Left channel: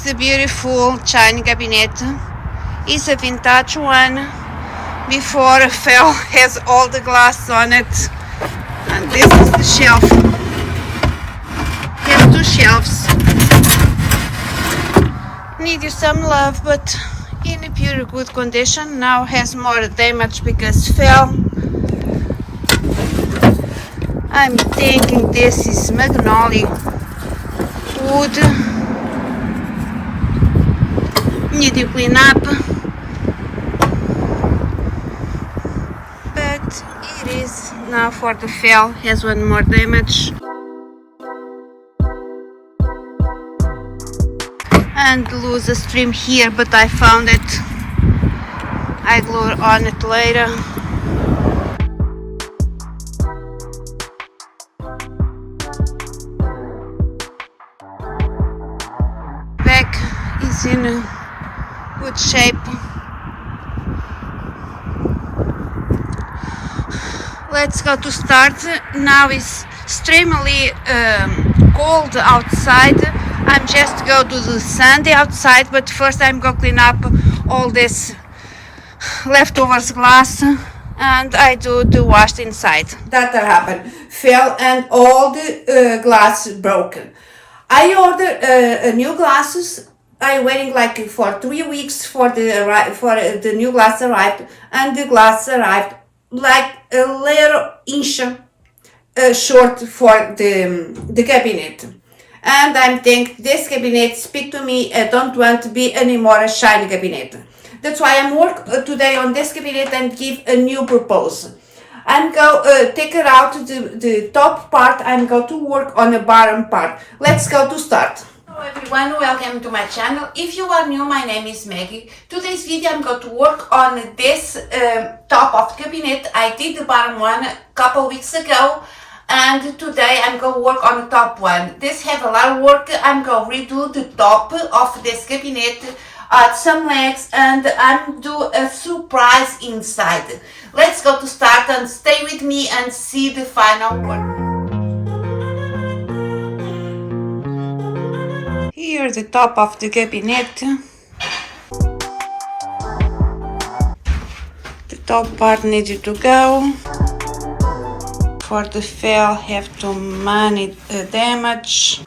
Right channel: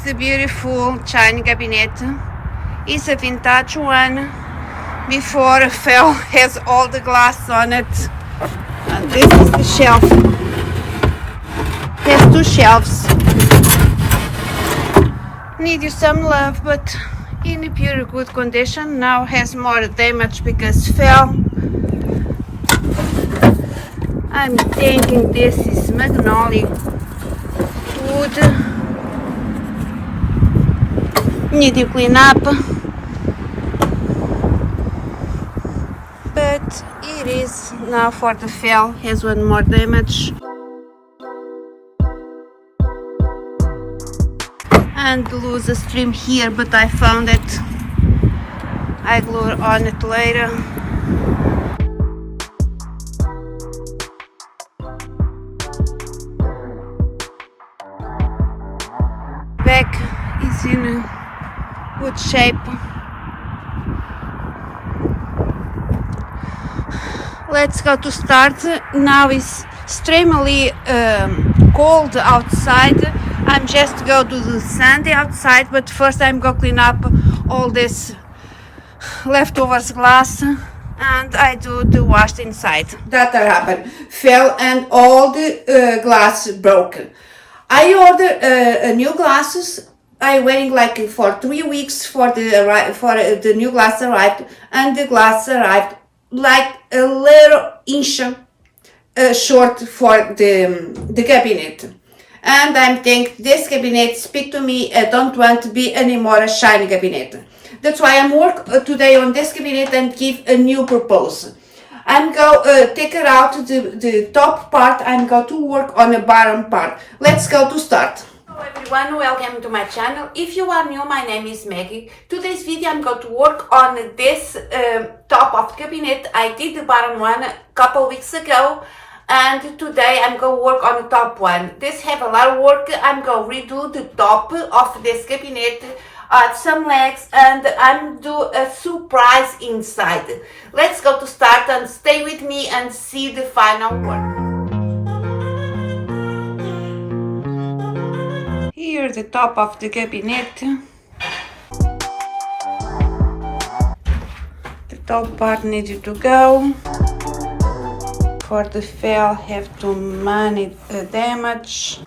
is a beautiful china cabinet. It's a vintage one. Before it fell, has all the glass on it. And this is the shelf. Has 2 shelves. Needed some love, but in a pure good condition. Now has more damage because fell. I'm thinking this is magnolia wood. Need to clean up, but it is now for the fell. Has 1 more damage. And lose a stream here, but I found it. I glue on it later. Back is in a good shape. Let's go to start. Now it's extremely cold outside. I'm just go to the sandy outside, but first I'm going to clean up all this leftovers glass, and I do the wash inside. That happened. Fell and all the glass broken. I ordered new glasses. I waiting like for 3 weeks for the new glass arrived, and the glass arrived like a little inch short for the cabinet. And I'm thinking this cabinet speak to me. I don't want to be anymore a shiny cabinet. That's why I'm work today on this cabinet and give a new proposal. I'm go take it out the top part. I'm go to work on the bottom part. Let's go to start. Hello everyone, welcome to my channel. If you are new, my name is Maggie. Today's video I'm going to work on this top of the cabinet. I did the bottom one a couple weeks ago. And today I'm going to work on the top one. This have a lot of work. I'm going to redo the top of this cabinet, add some legs, and I'm do a surprise inside. Let's go to start and stay with me and see the final work. Here the top of the cabinet. The top part needed to go. For the fell have too many damage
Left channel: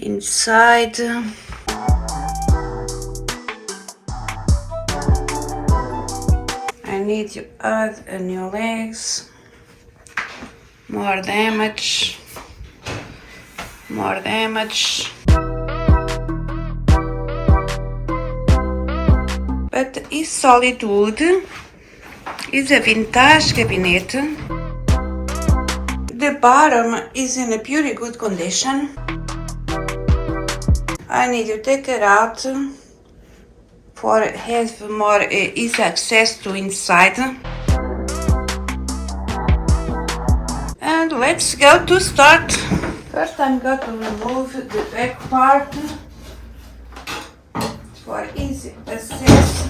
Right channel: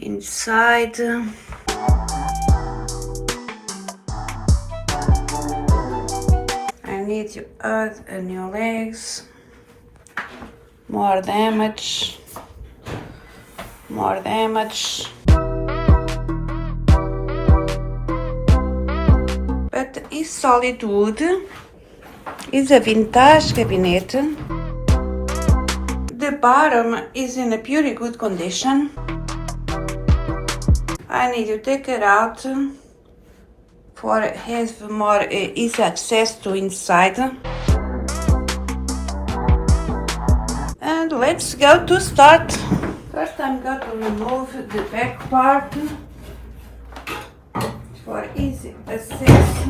inside. I need to add a new legs. More damage. More damage. But it's solid wood. It's a vintage cabinet. The bottom is in a pretty good condition. I need to take it out for have more easy access to inside. And let's go to start. First I'm going to remove the back part for easy access.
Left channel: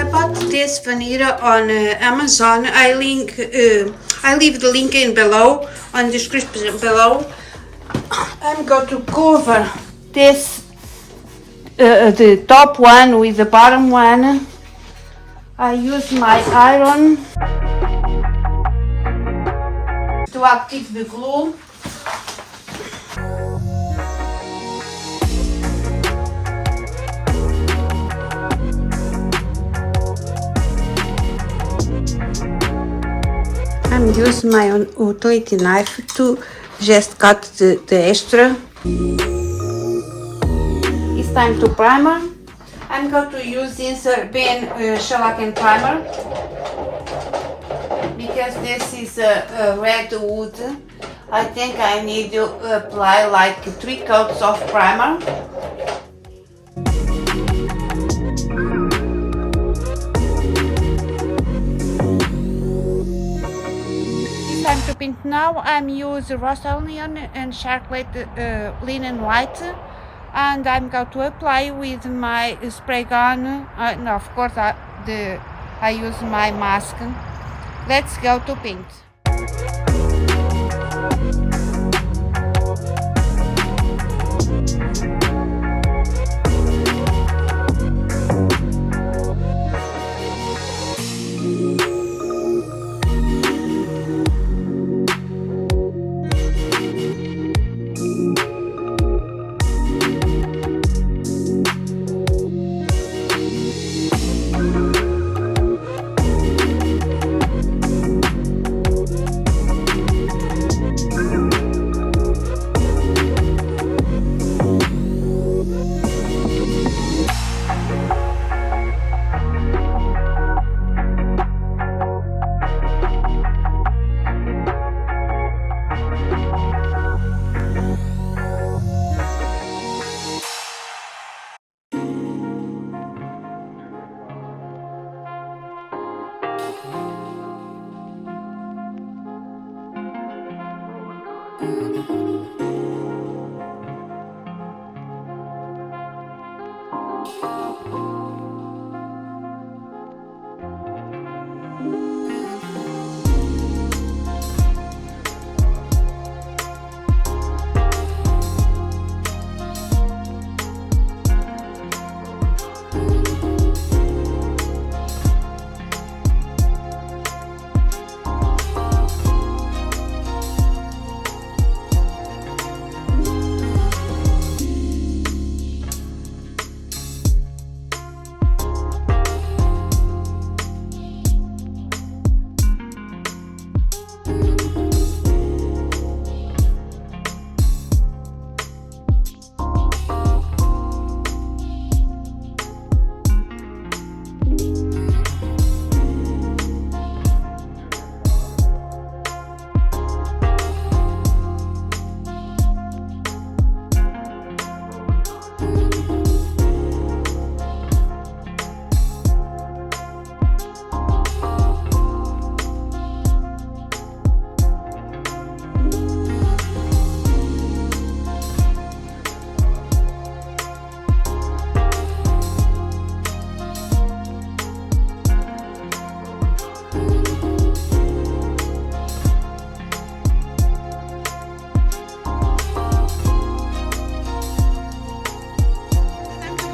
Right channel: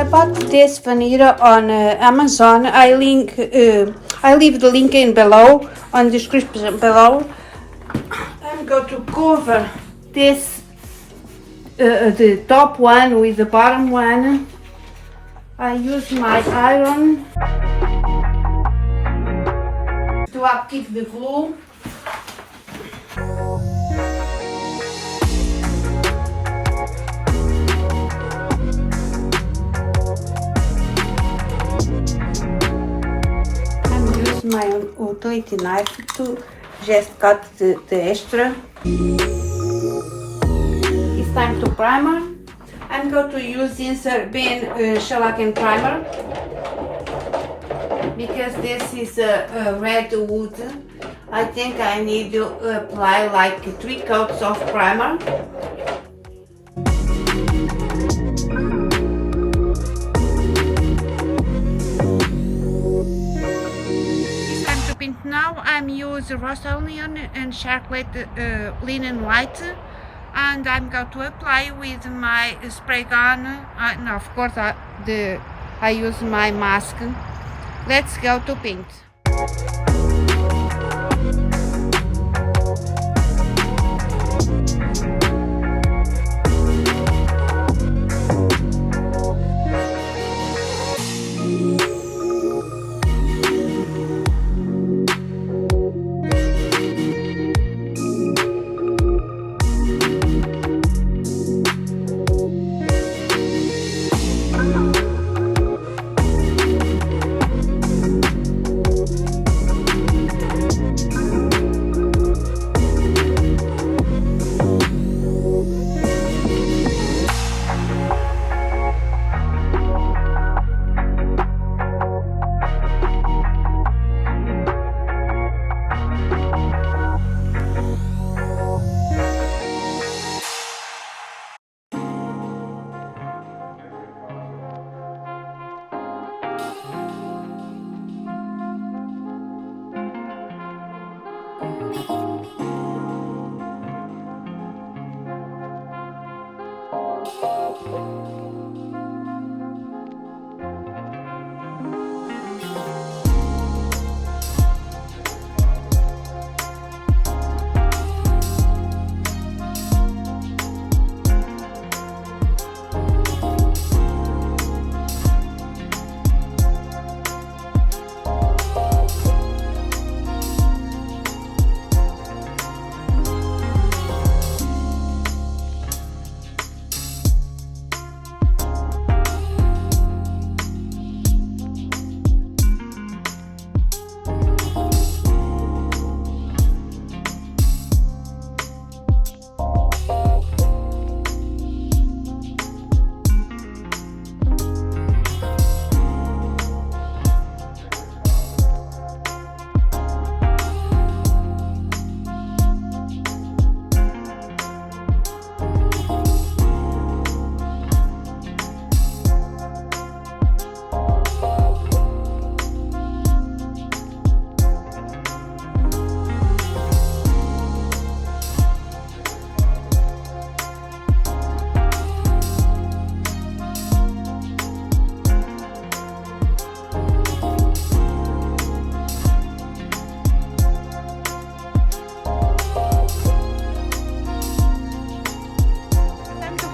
I bought this vanilla on Amazon. I leave the link in below, on description below. I'm going to cover this, the top one with the bottom one. I use my iron to activate the glue. I'm using my utility knife to just cut the extra. It's time to primer. I'm going to use this Ben shellac primer because this is a red wood. I think I need to apply like 3 coats of primer. It's time to paint now. I'm using Rustoleum and chocolate linen white, and I'm going to apply with my spray gun. And of course, I use my mask. Let's go to paint.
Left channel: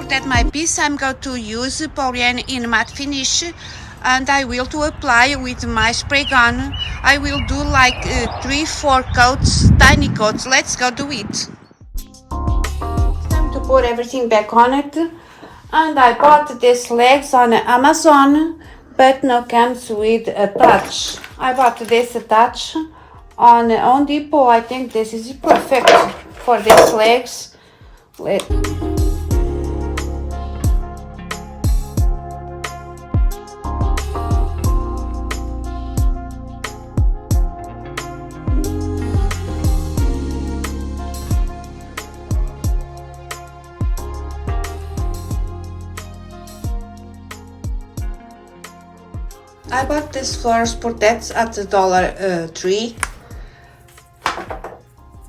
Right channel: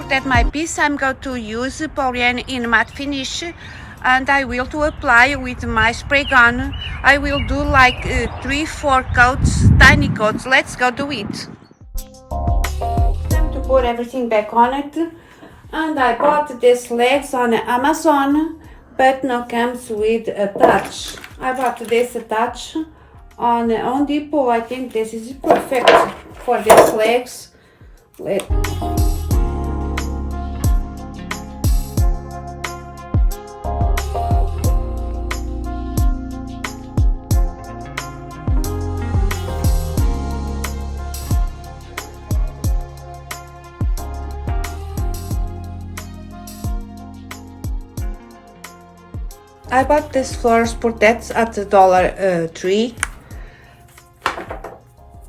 At my piece, I'm going to use Polythane in matte finish, and I will to apply with my spray gun. I will do like 3-4 coats, tiny coats. Let's go do it. It's time to put everything back on it, and I bought these legs on Amazon, but now comes with a touch. I bought this attach on Home Depot. I think this is perfect for these legs. I bought this flowers protects at the Dollar Tree.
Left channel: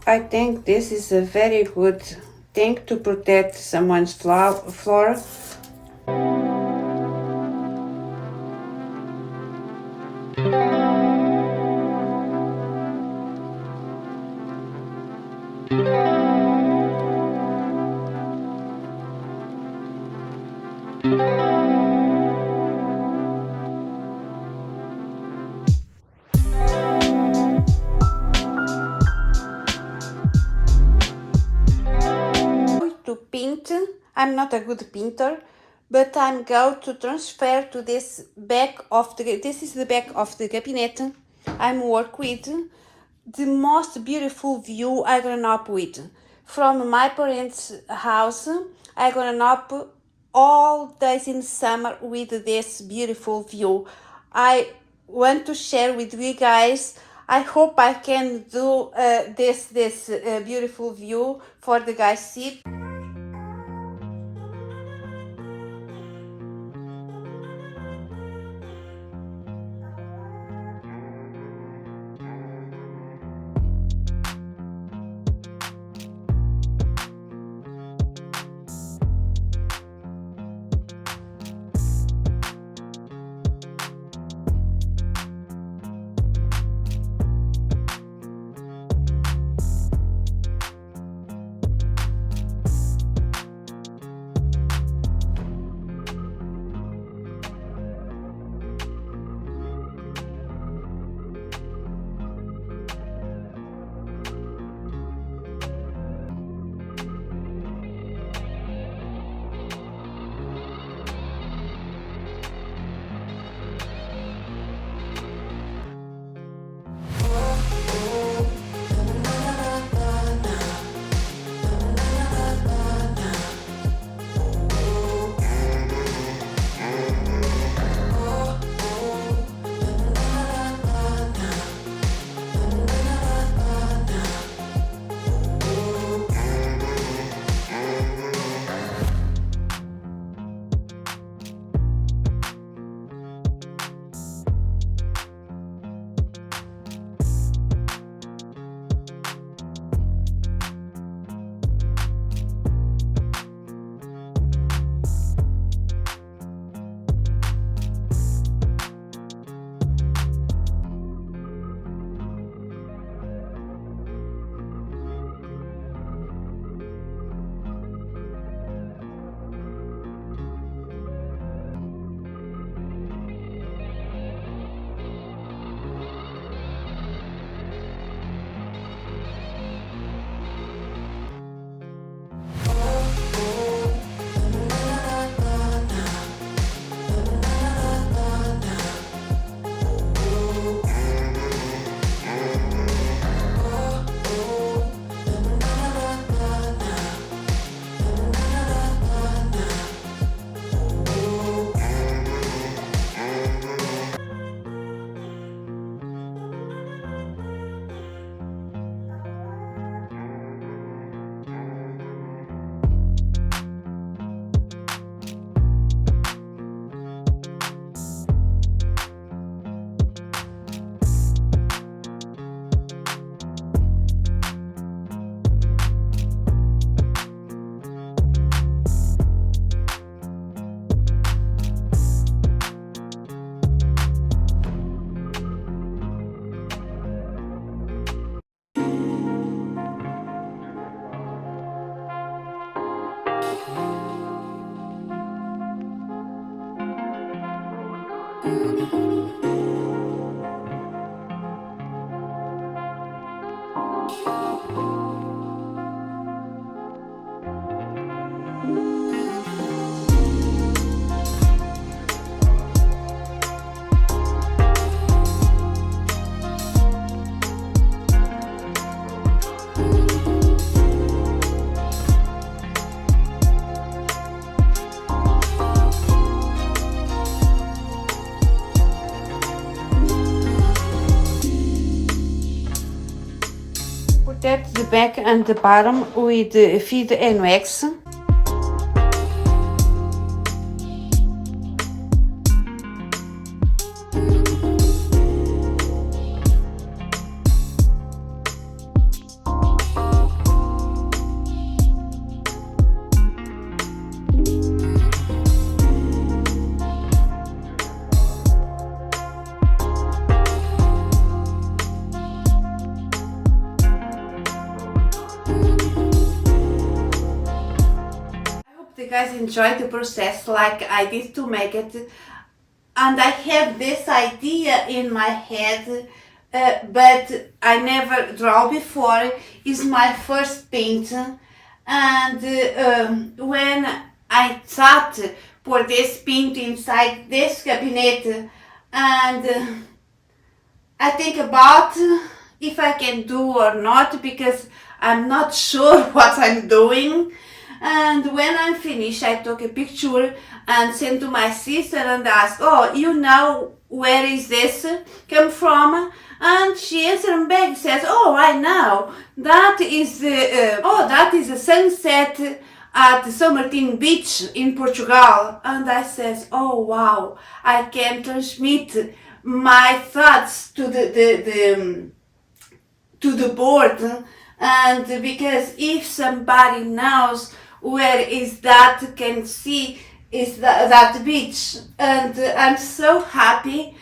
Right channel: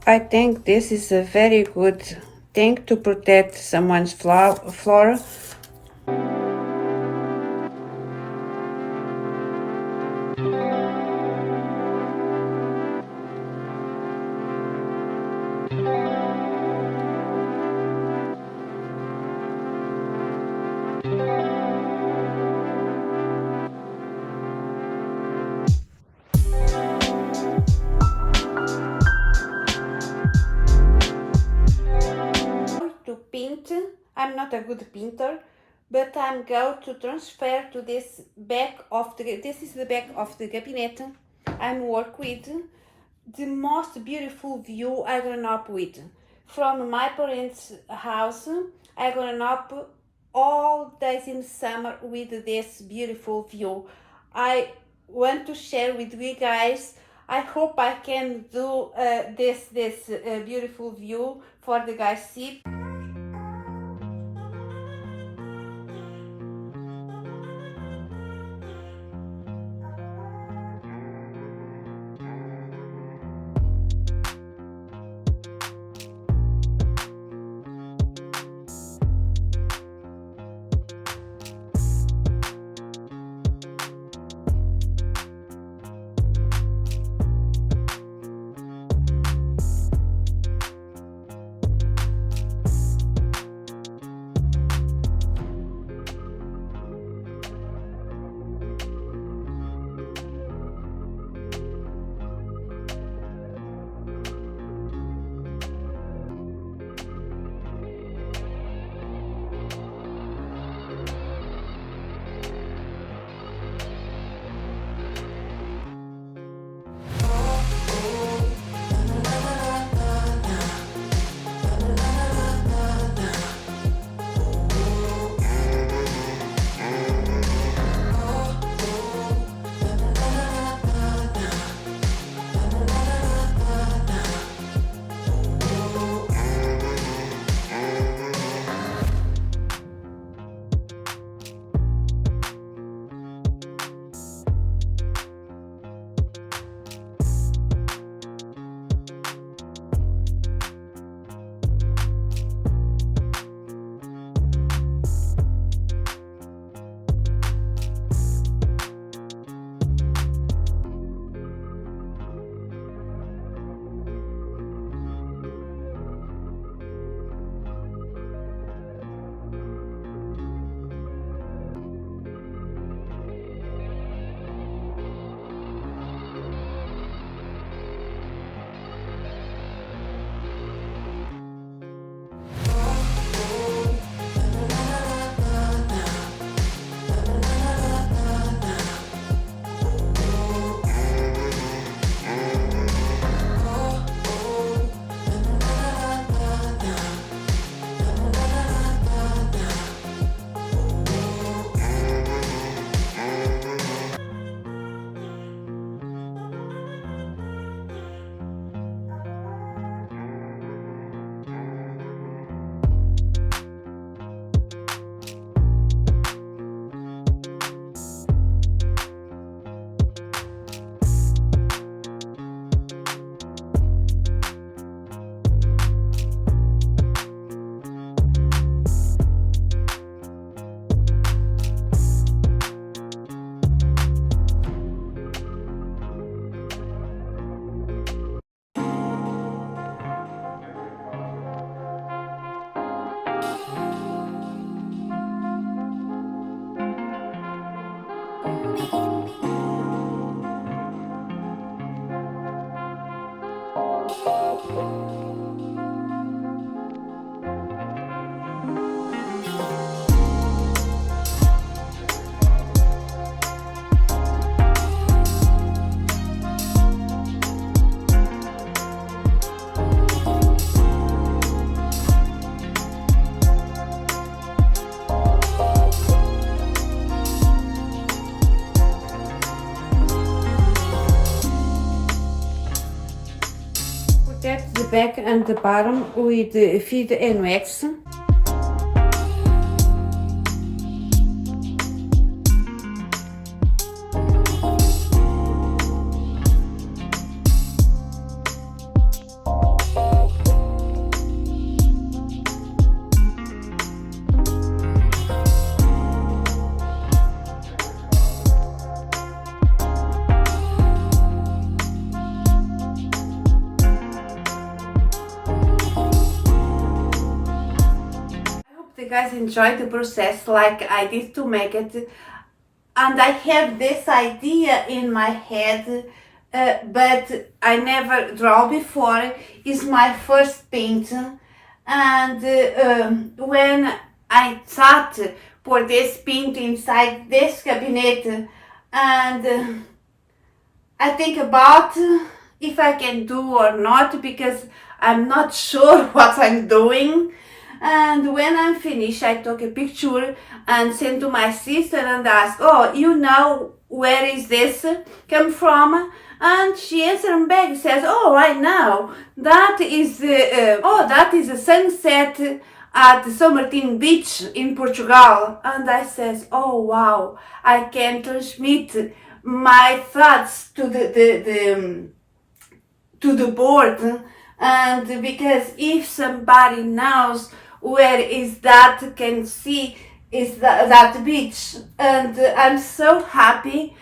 I think this is a very good thing to protect someone's floor. not a good painter, but I'm going to transfer to this back of the, this is the back of the cabinet I'm work with, the most beautiful view I grown up with. From my parents' house, I grown up all days in summer with this beautiful view. I want to share with you guys. I hope I can do this beautiful view for the guys see. Protect the back and the bottom with feed and wax. You guys enjoy the process like I did to make it, and I have this idea in my head, but I never draw before. It's my first paint, and when I thought put this paint inside this cabinet, and I think about if I can do or not, because I'm not sure what I'm doing. And when I'm finished, I took a picture and sent to my sister and asked, oh, you know where is this come from? And she answered back, says, oh, I know, that is that is a sunset at São Martin Beach in Portugal. And I says, oh wow, I can transmit my thoughts to the board, and because if somebody knows where is that, can see is that beach. And I'm so happy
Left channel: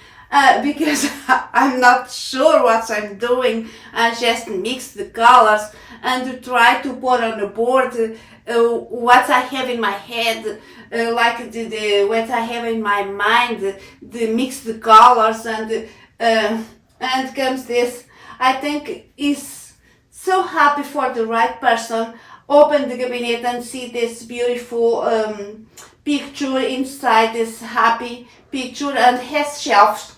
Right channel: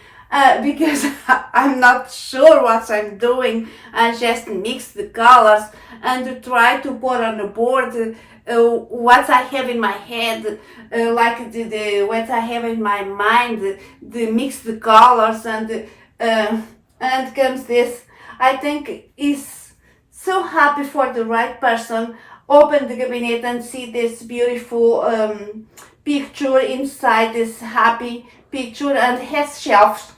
because I'm not sure what I'm doing. I just mix the colors and try to put on the board what I have in my head, like the what I have in my mind, the mix the colors, and comes this. I think is so happy for the right person. Open the cabinet and see this beautiful picture inside this happy picture, and has shelves.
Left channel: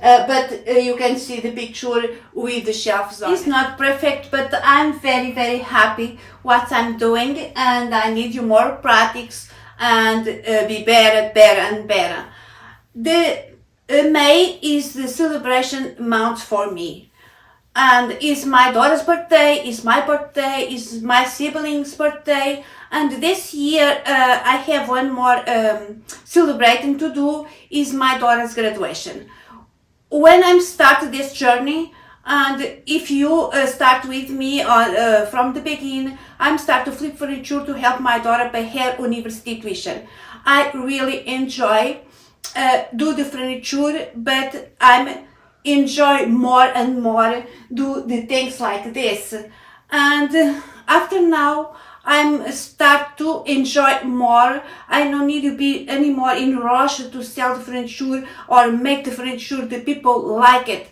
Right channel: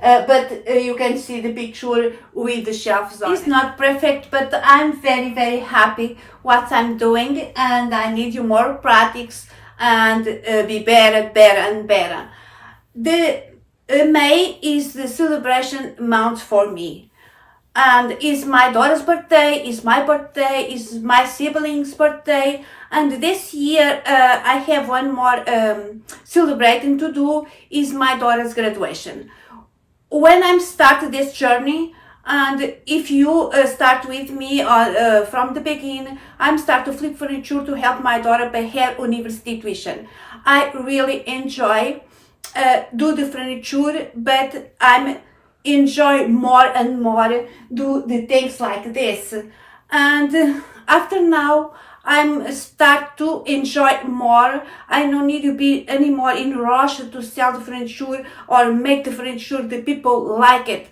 But you can see the picture with the shelves on. It's not perfect, but I'm very, very happy what I'm doing, and I need you more practice and be better and better. The May is the celebration month for me. And it's my daughter's birthday, it's my birthday, it's my siblings' birthday, and this year I have one more celebrating to do, is my daughter's graduation. When I'm starting this journey, and if you start with me from the beginning, I'm start to flip furniture to help my daughter pay her university tuition. I really enjoy do the furniture, but I'm enjoy more and more do the things like this. And after now I'm start to enjoy more. I don't need to be anymore in rush to sell the furniture or make the furniture the people like it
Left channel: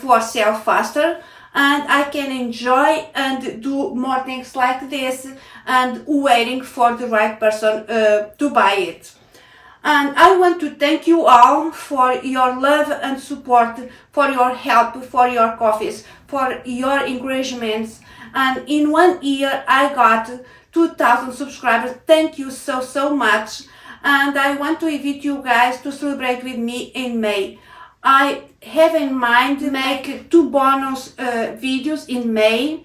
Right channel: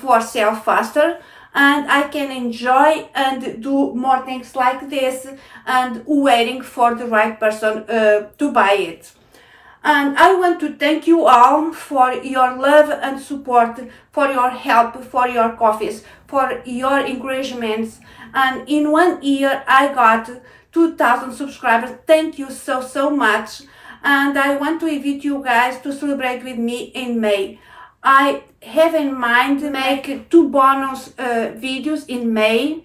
for sell faster, and I can enjoy and do more things like this and waiting for the right person to buy it. And I want to thank you all for your love and support, for your help, for your coffees, for your encouragements. And in 1 year, I got 2,000 subscribers. Thank you so much. And I want to invite you guys to celebrate with me in May. I have in mind to make 2 bonus videos in May.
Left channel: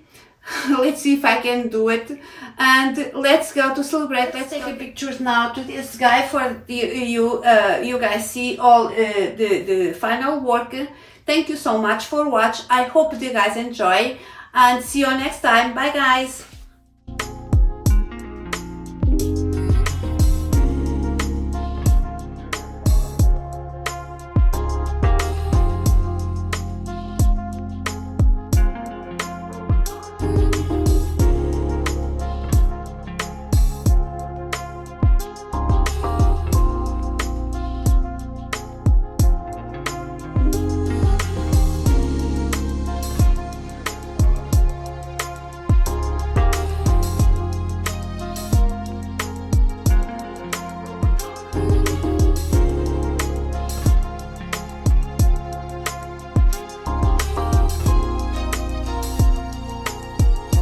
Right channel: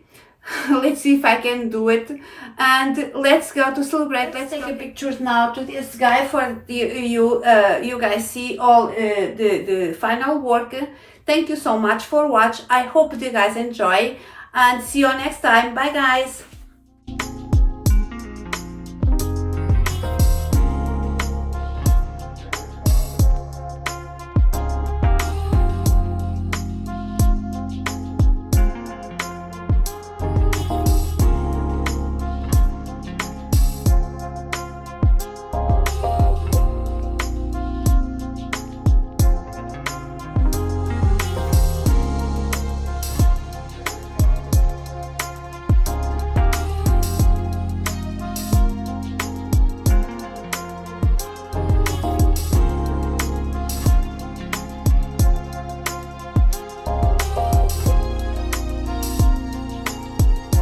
Let's see if I can do it, and let's go to celebrate. Let's take a pictures now to this guy for you guys see all the final work. Thank you so much for watch. I hope you guys enjoy, and see you next time. Bye guys.